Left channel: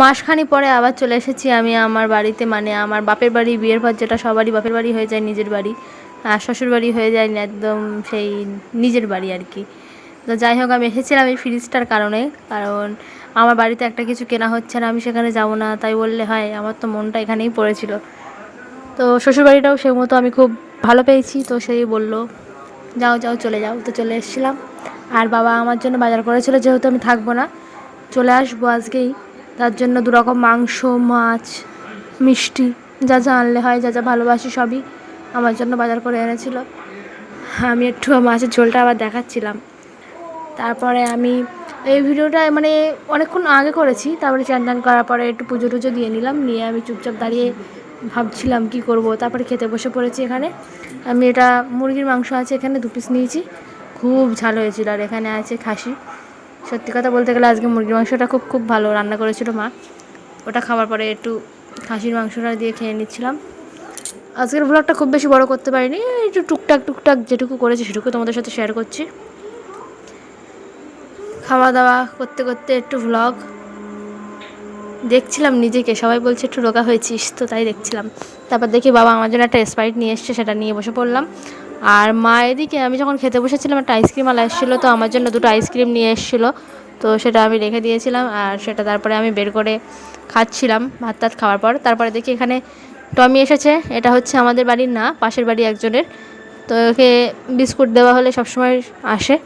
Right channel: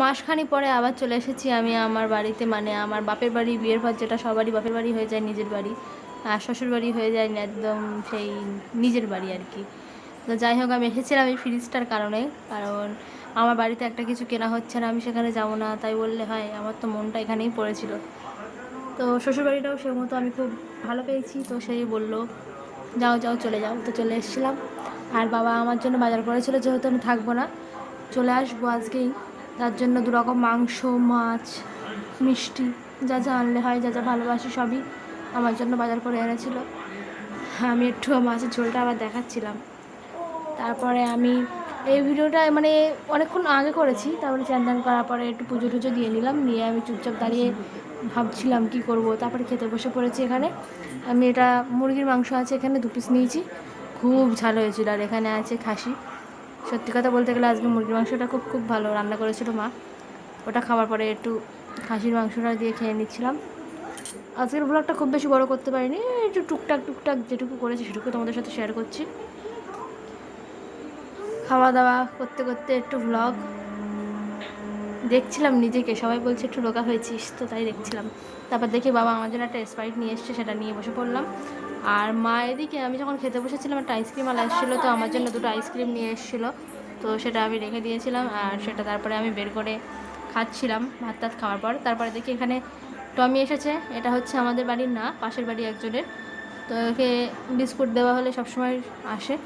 মাসখানি পরে আবার চলে এসেছি আমি আমার বাড়িতে, মানে আমার বাপের বাড়ি। বিয়ের পর যেটা সবারই বাপের বাড়ি হয়ে যায় নিজের বাড়ি, আর শ্বশুর বাড়ি হয়ে যায় একদম সেই নিজের বাড়ি আর কি। তো যাই হোক, আমি এসেছিলাম এই ফ্রিজটার কারণে, কারণ আমার বাড়িতে একটা কিছু কেনা হচ্ছে না, আমি সেখানে যাব না তাই বললে হয়, আমার তো মনটা এখানেই পড়েছিল। তো শ্বশুরবাড়িটাও সেই মতো আমি খুব ভালো পেয়েছি, তো সেই বললো যাও যাও চলে যাও, তো চলে এসেছিলাম। আর বাবা আমার জন্য বাজার করেছিল, যেহেতু আমি থাকবো না, চলে আসবো আজকেই, তার জন্য দুরকম মাংস, মাছ, মিষ্টি, যা যা আনলে হয়, যা যা ভালোবাসি সবই আমার জন্য বাজার করে এনেছিল। আমি একটু মাছের ঝোলটা আবার দেখাচ্ছিলাম। তারপরে আমি এই ভিডিওটা মানে অনেকক্ষণ আগে করেছি, তারপরে চান টান করার পরে একটু পুজো টুজো দিয়ে নিলাম, নিয়ে আমি চুপচাপ দাঁড়িয়ে ভাবছিলাম কি করব। তারপরে খেতে বসে পড়েছি। এখানে আমি এটা মুরগির মাংস আছে, এখানে 2 পিস নিয়েছি, খুব ঝাল হয়েছিল। আর এখানে আছে খাসি। সত্যি কথা বলতে গেলে আজকে মুরগির মাংসটা খুব খুব ভালো রান্না করেছিল মা। ওটা খাওয়ার পরে একটু খাসির মাংসটা দিয়ে খেয়ে নিচ্ছিলাম। আজকের ব্লগটা খুব বেশি বড় করতে পারিনি, একটু টুকটাক টুকটাক যেটুকু করেছি সেটুকু তোমাদের সাথে শেয়ার করছি। খাওয়া দাওয়া করতে করতে একটু ভ্লগ দেখছিলাম নিজেকে, সবাই বলছে একটু রোগা হয়েছিস, তো তাই দেখছিলাম। তারপর দেখি বাবা আমার জন্য একটা স্প্রাইট নিয়ে এসছে, সেটা নিয়ে বসে পড়লাম। আর মা এদিকে আমি যখন খেতে বসেছিলাম একটা আইসক্রিমওয়ালা এসেছিলো, তো আমার জন্য 2টো আইসক্রিম নিয়ে এসেছিলো, তো সেটা আমি রেখে দিয়েছিলাম। আর সেটা তারপরে আমি বের করে খাচ্ছিলাম ভাত টাত খাওয়ার পর। তারপরে দেখি এখানে টমি এসেছে, এটা হচ্ছে আমাদের বাড়ির না, পাশের বাড়ি একজনের। তো ওকে বিস্কুট দেওয়া হলে সবসময় আসে,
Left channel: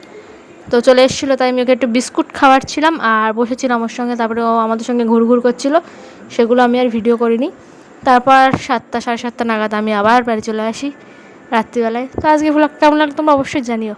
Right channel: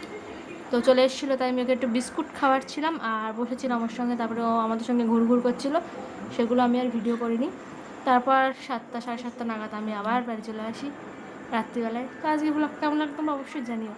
তো চলে এসেছিলো, তাই আমি ওকে একটু বিস্কুট খাওয়াচ্ছিলাম আর বসেছিলাম ওর সঙ্গে। তারপরে ও আমাদের সঙ্গে ঘুরঘুর করছিল, সেগুলো আমি আর ভিডিও করিনি। তারপর 7টা 7:30 নাগাদ আমি আবার বাড়ি চলে আসি রাত্রিবেলায়। তো আজকে ভ্লগ কেমন লাগলো তোমরা অবশ্যই জানিও।